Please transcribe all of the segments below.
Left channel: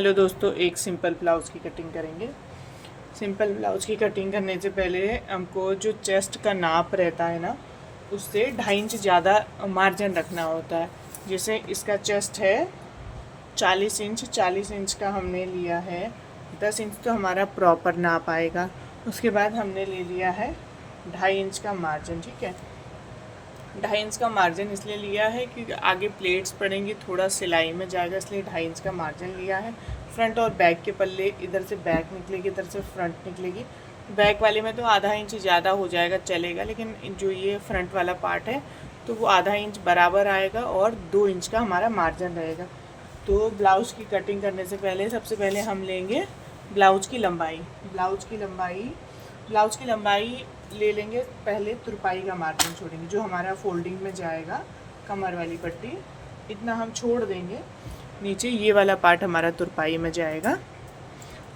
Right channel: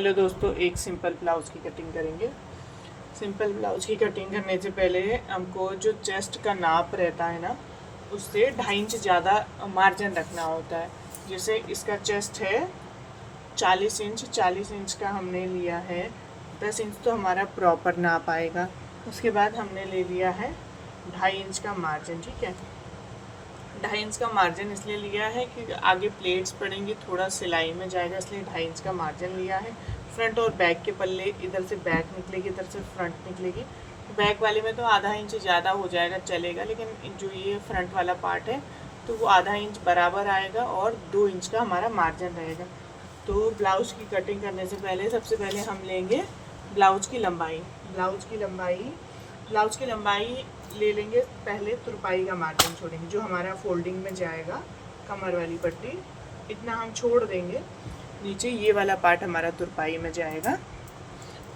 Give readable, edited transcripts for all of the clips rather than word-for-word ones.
Hello दोस्तों, एक simple blouse की कटिंग करेंगे। सिंपल ब्लाउज़ की कटिंग करने से पहले हमको जो चेस्ट का नाप रहता है ना, उससे 2.5 इंच ज़्यादा मार्जिन रखना होता है। जैसे इसका चेस्ट है 40 इंच, 40 इंच का हमने लिया है 10 इंच तो हमारा प्रॉपर नाप आएगा। उसके बाद हमने ले लिया है 2.5 इंच का मार्जिन। ठीक है, 2.5 इंच का मार्जिन इसलिए लिया है क्योंकि आगे प्लेट्स पड़ेंगी, थोड़ा सिलाई में जाएगा, इसलिए 2.5 इंच का मार्जिन लिया है। फ्रंट और बैक के पल्ले, इधर से बैक निकलेगी, इधर से फ्रंट निकलेगी। बैक वाले में तो आधा इंच ज़्यादा हो जाएगा चलेगा, लेकिन जो ये फ्रंट वाला पार्ट है तो वो आधा इंच बराबर आएगा और 2 इंच का हमारा मार्जिन रहेगा। तो ब्लाउज़ की कटिंग करने से पहले सबसे पहले हम लेंगे ब्लाउज़ की लंबाई। ब्लाउज़ की लंबाई ले लेंगे। पहले तुरपाई का मार्जिन छोड़ेंगे, जो हमारा फोल्डिंग में जाएगा, कमर वाली पट्टी इतना हम छोड़ देंगे। नीचे ये वाला पार्ट हमारा तुरपाई में जाएगा।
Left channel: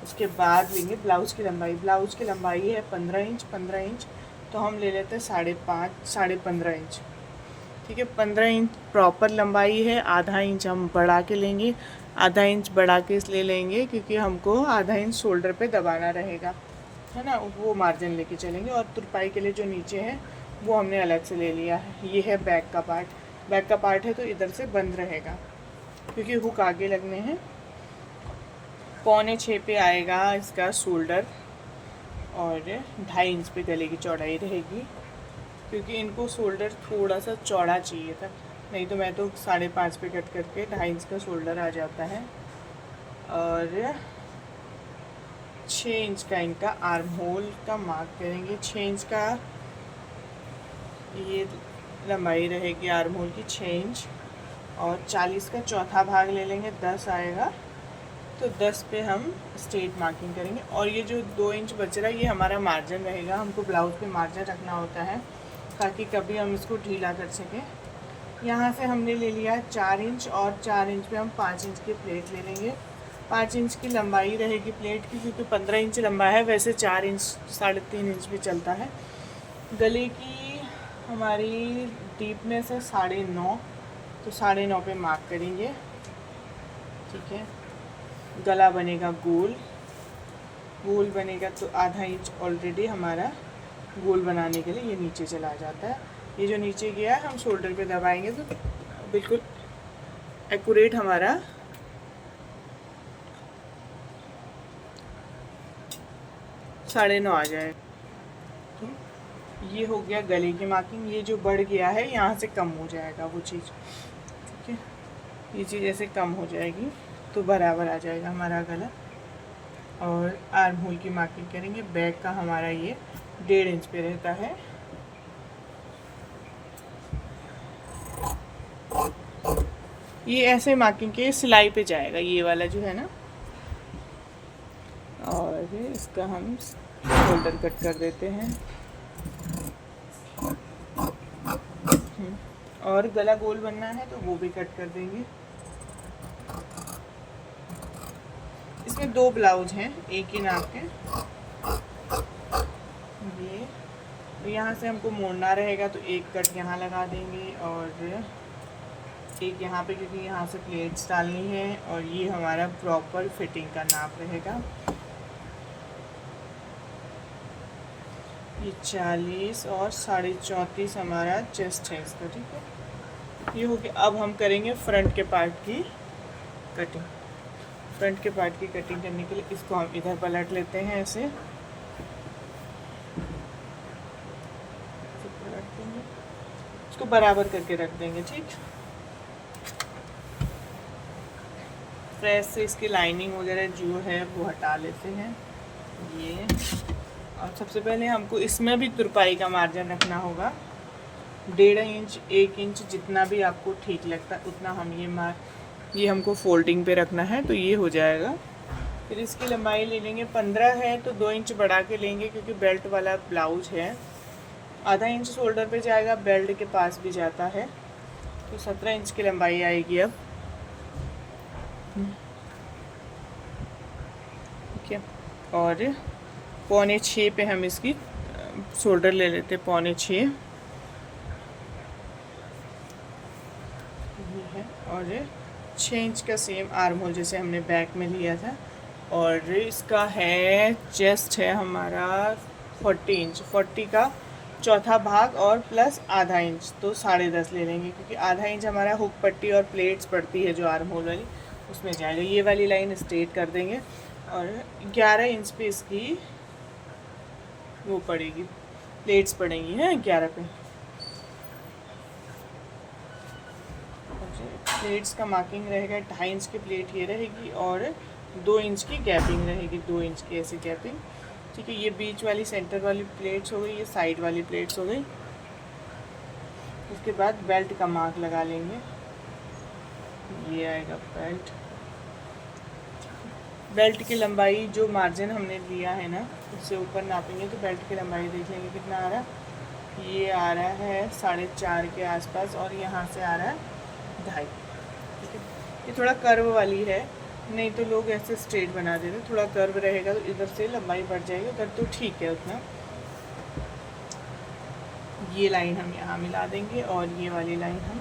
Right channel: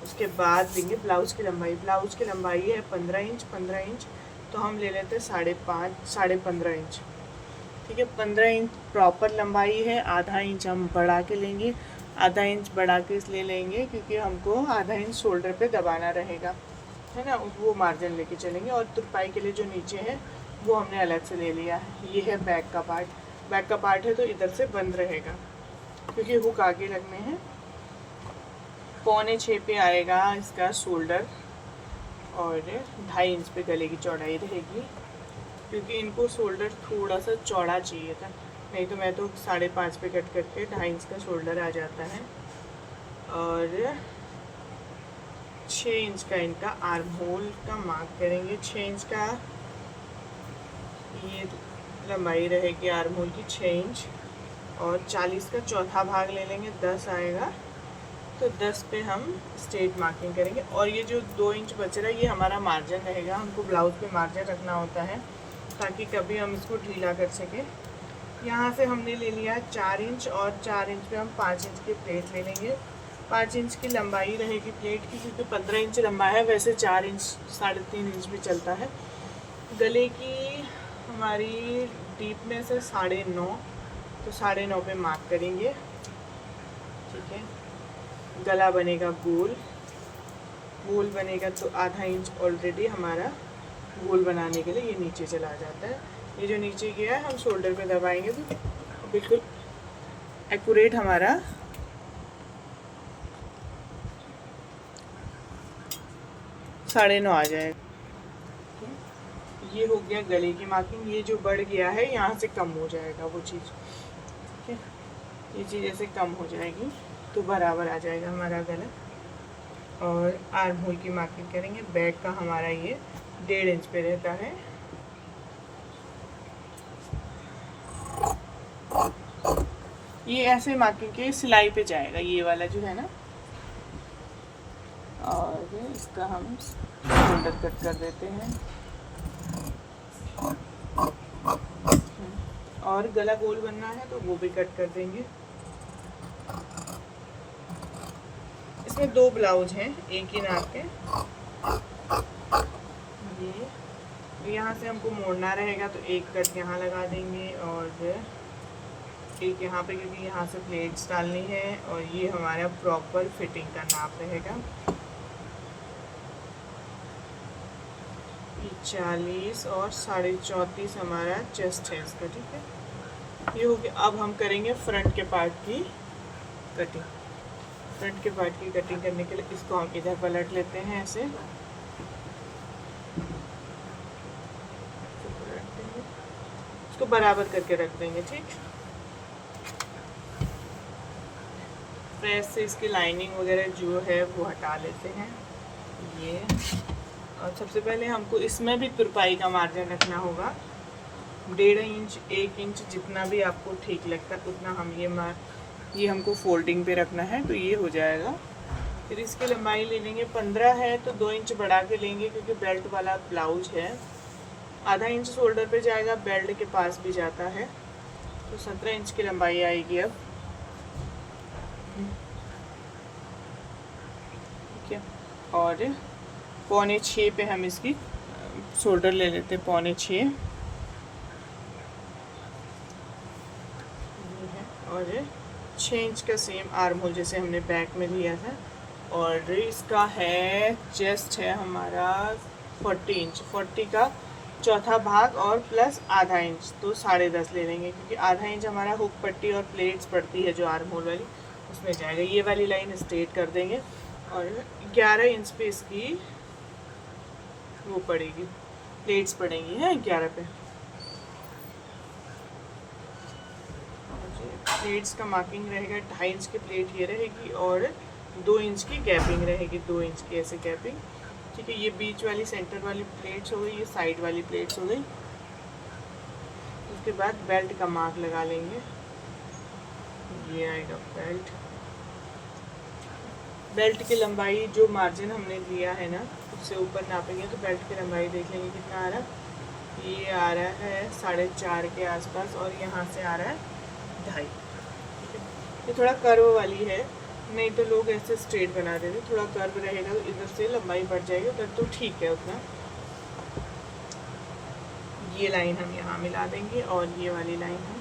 उसके बाद लेंगे ब्लाउज़ की लंबाई। ब्लाउज़ की लंबाई है 15 इंच, तो हम ले लेते हैं 15.5 इंच। ठीक है, 15 इंच प्रॉपर लंबाई है। आधा इंच हम बढ़ा के लेंगे। आधा इंच बढ़ा के इसलिए लेंगे क्योंकि हमको आधा इंच शोल्डर पे दबाना रहेगा, है ना, वो मार्जिन लेके चलेंगे। और तुरपाई के लिए जो नीचे है वो हमने अलग से ले लिया है। ये है बैक का पार्ट। बैक का पार्ट है तो इधर से बंद रहेगा क्योंकि हुक आगे लगने हैं। 5.25 पे आएगा इसका शोल्डर और 2.5 इंच पे गले की चौड़ाई रहेगी, क्योंकि इनको शोल्डर थोड़ा सा चौड़ा चाहिए था, नहीं तो मैं तो 5.5 पे कट करके 2.5 इंच का शोल्डर आ जाता है। और 6 इंच का इनका आर्म होल का मार्क करेंगे। 6 इंच का ये लंबाई रहेगी आर्म होल की, 6 इंच। और 40 का चौथा भाग ले लेंगे, 10 आएगा, तो 10 पे हम स्ट्रेट मार्किंग करेंगे। और ये जो 2 इंच बच रहा है ये हमारा मार्जिन रहेगा। हमको ब्लाउज़ पे मार्जिन रखना होता है ताकि कभी हम इसको ढीला कर सकें। यहाँ से हमने ले लिया 4 इंच और 4 इंच पे हम 5 इंच की प्लेट ले लेंगे। 5 इंच की लंबाई रहेगी प्लेट की, क्योंकि 15 इंच लंबा है। वैसे 4 इंच 3.5 इंच भी चलता है। गले की हमारी डीपनेस है 9.5, तो 9.5 पे मार्क करेंगे। ठीक है, गला बनेगा गोल बनेगा, तो आधा इंच ऑलरेडी हमारा गोल बनाने के लिए ये नीचे चला जाता है। ये जो नीचे गया है हम शोल्डर पे दबाएंगे तो बिल्कुल एक्यूरेट हमारा 9.5 आ जाएगा। ये हो गया गले की मार्किंग। ये जो बढ़ गया है यहाँ से कम हो जाएगा वो चीज़। ठीक है, ये चीज़ ऐसे कम हो जाएगी तो बराबर आ जाएगा हमारा गला। और आर्म होल की मार्किंग करेंगे। बैक का हमारा ये 1.5 इंच पे रहता है। ये ऐसे मार्किंग के सिलाई पे जाएगा ये वाला जो है ना। और इसका हम शोल्डर कट कर देते हैं। और गला गोल बनना है तो वो भी कट कर देंगे। इसमें 2 ब्लाउज हैं एक ही नाप के। ये यहाँ से हमको मोड़ना रहेगा तो एक कट यहाँ लगा देंगे और एक यहाँ पे, क्योंकि यहाँ से प्लेट्स डालनी है। और ये हमारा प्रॉपर फिटिंग का नाप रहेगा। ये 40 और 34.5 हमारा चेस्ट है इसका। ठीक है, ये हो गया। अब हम करेंगे फ्रंट के पार्ट की कटिंग। फ्रंट के पार्ट की कटिंग करने के लिए इसको हम इधर पलट लेते हैं ऐसे, इसको बराबर करके रख देंगे। ठीक, प्रेस से इसकी लाइनिंग वगैरह जो है वो हटा लेते हैं ये। और सबसे पहले हमको इसमें भी तुरपाई का मार्जिन रखना होगा। 1.5 इंच 1 इंच जितना भी आपको ठीक लगता है उतना हम ये हमको फोल्डिंग पे रखना है, तो ये हो जाएगा। फिर इसकी लंबाई ले लेंगे। 15 है तो 2 इंच बढ़ा के लेंगे, क्योंकि बेल्ट वाला ब्लाउज है। आधा इंच शोल्डर पे जाएगा, बेल्ट के पास भी जाता है, तो 17 इंच की लंबाई आएगी अब। ठीक है, और 5.25 पे हम इसकी शोल्डर ले लेते हैं। 5.25 और 6 इंच का सेम आर्म होल जैसे हमने बैक में लिया था। और इसका है चेस्ट है हमारा 40 इंच, 40 का चौथा भाग और प्लस आधा इंच, तो 10.5 ले लेंगे, क्योंकि आधा इंच हमारा हुक पट्टी और प्लेट्स पड़ती है जो आर्म होल वाली, उसमें जाएगा। ये वाली लाइन स्ट्रेट कर देंगे और 11 इंच पे इसकी वो पड़ेगी, प्लेट्स पड़ेंगी हैं 11 पे। प्लेट्स का मार्किंग रहेगा 2.5 इंच की प्लेट ये रहेगी और 2 इंच की गैपिंग रहेगी, 2 इंच की ऐसे गैपिंग। ठीक है, ये बीच वाली सेंटर वाली प्लेट्स हो गई, ये साइड वाली प्लेट्स हो गई। उसके बाद बेल्ट का मार्क लगा लेंगे, ये आएगा बेल्ट। बेल्ट की लंबाई जो मार्जिन हमने लिया है ना उससे ऊपर नापेंगे तो बेल्ट की लंबाई देख लेंगे कितना आ रहा है। ये आ रहा है 4.5 के आसपास और यहाँ से आ रहा है 2.5। ठीक है, ये थोड़ा कर्व वाली है, नहीं तो लोग ऐसे स्ट्रेट बना देते, थोड़ा कर्व रहेगा तो इधर से लंबाई बढ़ जाएगी, उधर तो ठीक है उतना। ये लाइन हम यहाँ मिला देंगे और ये वाली लाइन हम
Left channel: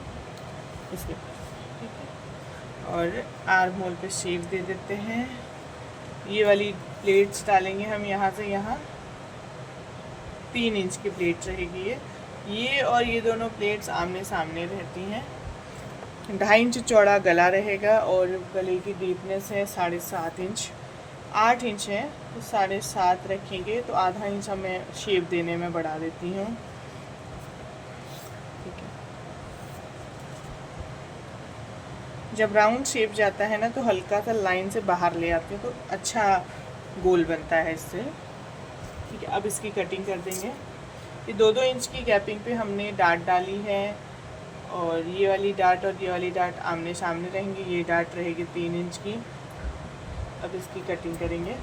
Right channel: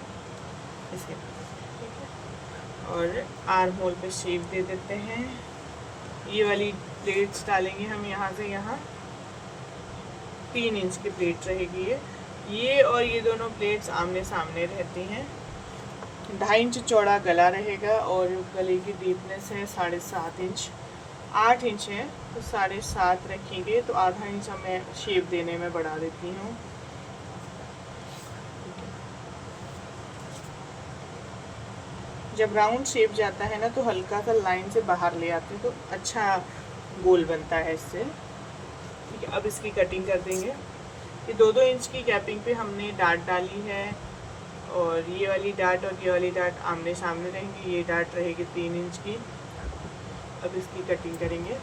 इसके, ठीक है। और आर्म होल पे शेप दे देते हैं। ये वाली प्लेट्स डालेंगे हम यहाँ से यहाँ, 3 इंच की प्लेट रहेगी ये और ये दोनों प्लेट्स आमने सामने रहती हैं। 2.5 इंच चौड़ा गला रहेगा और गले की डीपनेस है 7.5 इंच, 8 इंच है तो 7.5 रखेंगे, तो आधा इंच मैं शेप देने में बढ़ा देती हूँ। जब राउंड शेप जाता है ना तो हल्का सा लाइन से बाहर ले आते हैं तो अच्छा गोल बनता है इससे। ठीक है, अब इसकी कटिंग कर देंगे। ये 2-2 इंच की गैपिंग पे हमने डाट डाली है और ये वाली डाट और ये वाली डाट आमने सामने रहेंगी। ये डाट रहेगी 3 इंच की। अब इसकी कटिंग करेंगे।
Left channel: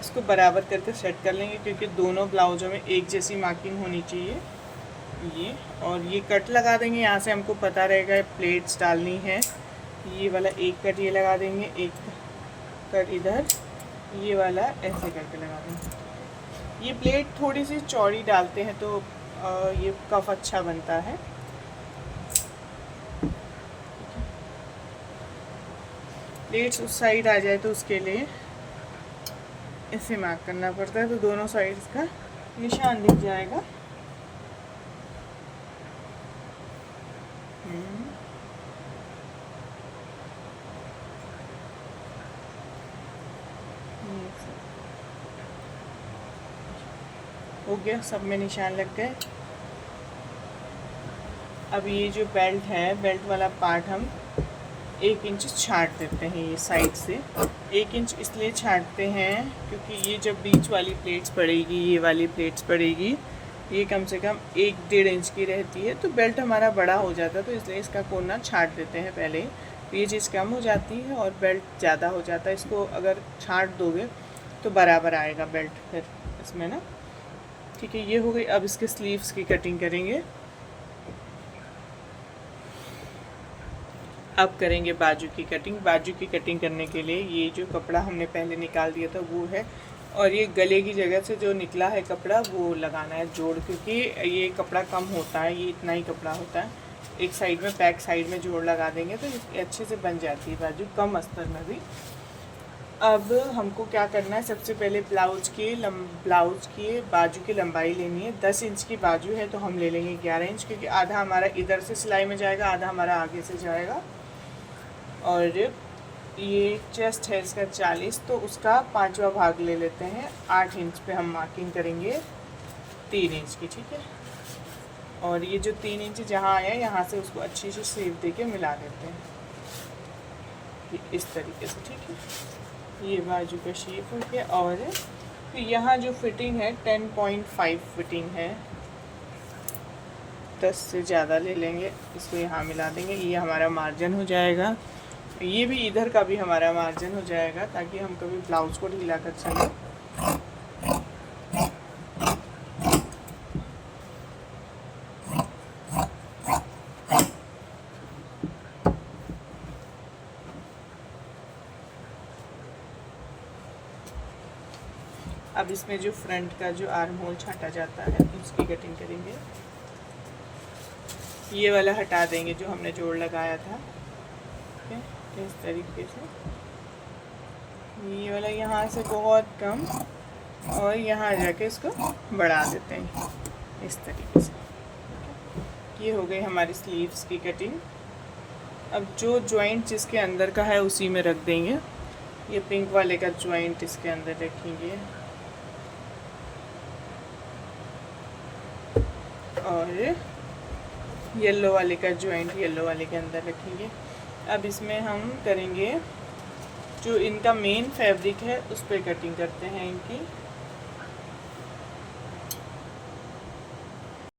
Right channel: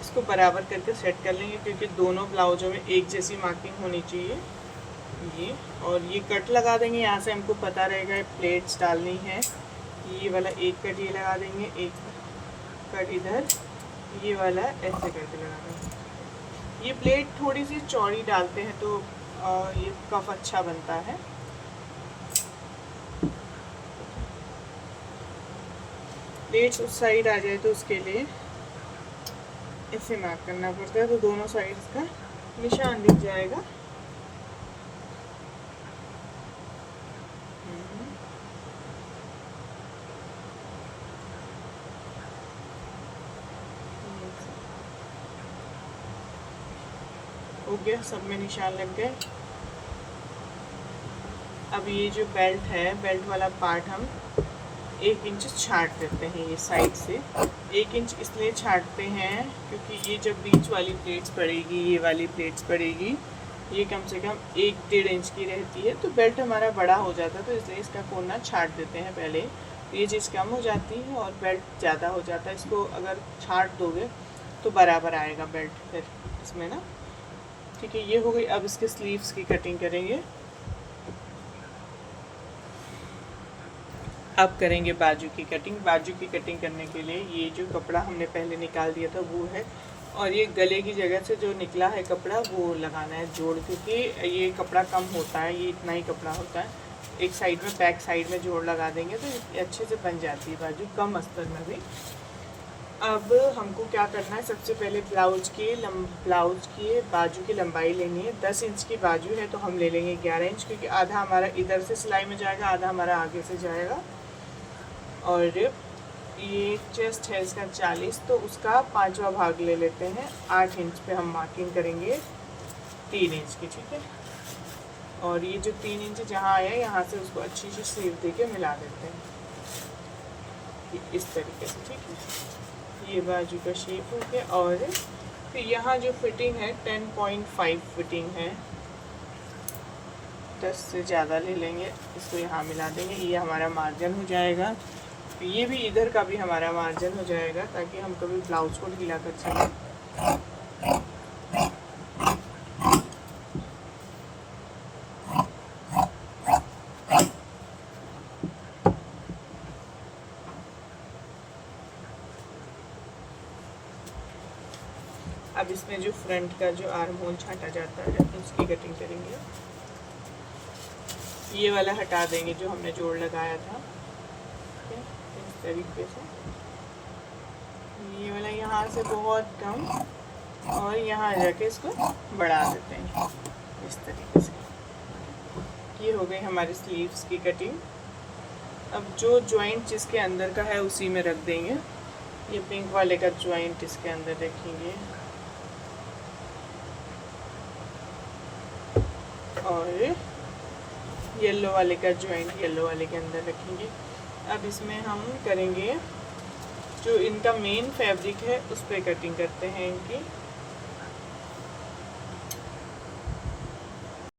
इसको बराबर करके सेट कर लेंगे क्योंकि दोनों ब्लाउजों में एक जैसी मार्किंग होनी चाहिए। ये और ये कट लगा देंगे, यहाँ से हमको पता रहेगा प्लेट्स डालनी है। ये वाला एक कट ये लगा देंगे, एक कट इधर, ये वाला ऐसे करके लगा देंगे। ये प्लेट थोड़ी सी चौड़ी डालते हैं तो ये कफ अच्छा बनता है। प्लेट्स उस साइड आ जाए तो उसके लिए ऐसे मार्क करना पड़ता है, तो दोनों साइड्स का निशान दिख जाएगा। हो गया, सब में निशान लग गए। अब ये जो बेल्ट है, बेल्ट वाला पार्ट हम 1 इंच छाट देते हैं। ये साइड से 1 इंच इसलिए छाटते हैं क्योंकि ये जब बीच वाली प्लेट्स पड़ेगी, ये वाली प्लेट्स पड़ेगी, ये कम से कम 1-1.5 इंच की रहती है, तो बेल्ट हमारा बड़ा हो जाता है, तो इसलिए इसका कोना छाट देते हैं पहले। तो ये चीज़ कम हो जाती है और बेल्ट ज़्यादा हो जाता है। इसको अगर छाट दोगे तो बराबर आएगा बेल्ट फिर इसमें ना। ठीक है, ये हो गई। अब इसके स्लीव्स की कटिंग करेंगे। अब करेंगे बाजू की कटिंग। बाजू की कटिंग करने के लिए ये जो कपड़ा हमने पहले निकाल दिया था वो है, और ये गले की जगह से जो निकला है कपड़ा वो लगाना है जोड़, क्योंकि ये कपड़ा कम होता है, ये इतना ही कपड़ा होता है। एक साइड में, बैक साइड में जोड़ लगा देंगे तो अच्छे से बन जाती है बाजू, कम अस्तर में भी। अब हमको क्या करना है, सबसे पहले ब्लाउज की बाजू की लंबाई लेनी है। 10 इंच की बाजू है तो हम ले लेंगे 11 इंच, क्योंकि आधा हमारा इधर से सिलाई में जाएगा, आधा हमारा आगे से जाएगा। और ये चेस्ट है इसका 40, तो उसका 5वां भाग ले लेते हैं। 8 इंच पे हम मार्किंग करेंगे 3 इंच की। ठीक है, और ये जो 3 इंच जहाँ आया यहाँ से उसको अच्छी सी शेप देके मिला देते हैं इस तरीके से। ठीक है, ये बाजू का शेप हो गया। और फिर यहाँ जो फिटिंग है 10.5 फिटिंग है, 10 से ज़्यादा ले लेंगे, इसको यहाँ मिला देंगे, ये हमारा मार्जिन हो जाएगा। ये भी इधर का भी हमारा मार्जिन हो जाएगा ताकि हम कभी ब्लाउज को ढीला कर सकें। अब इसमें जो फ्रंट का जो आर्म होल छाटा जाता है उसकी कटिंग करेंगे। ये वाला हटा देंगे जो हमने जोड़ लगाया था, ठीक है, इस तरीके से। ये वाला यहाँ से बहुत कम और यहाँ जाके इसको बढ़ा देते हैं इस तरीके से। ये हो गई हमारी स्लीव्स की कटिंग। अब जो जॉइंट जिसके अंदर का है उसी में रख देंगे। ये पिंक वाले का जॉइंट इसके अंदर रखेंगे और येलो वाले का जॉइंट येलो वाले के अंदर रखेंगे। अब इसमें हम करेंगे जो इनका मेन फैब्रिक है उस पर कटिंग करते हैं इनकी।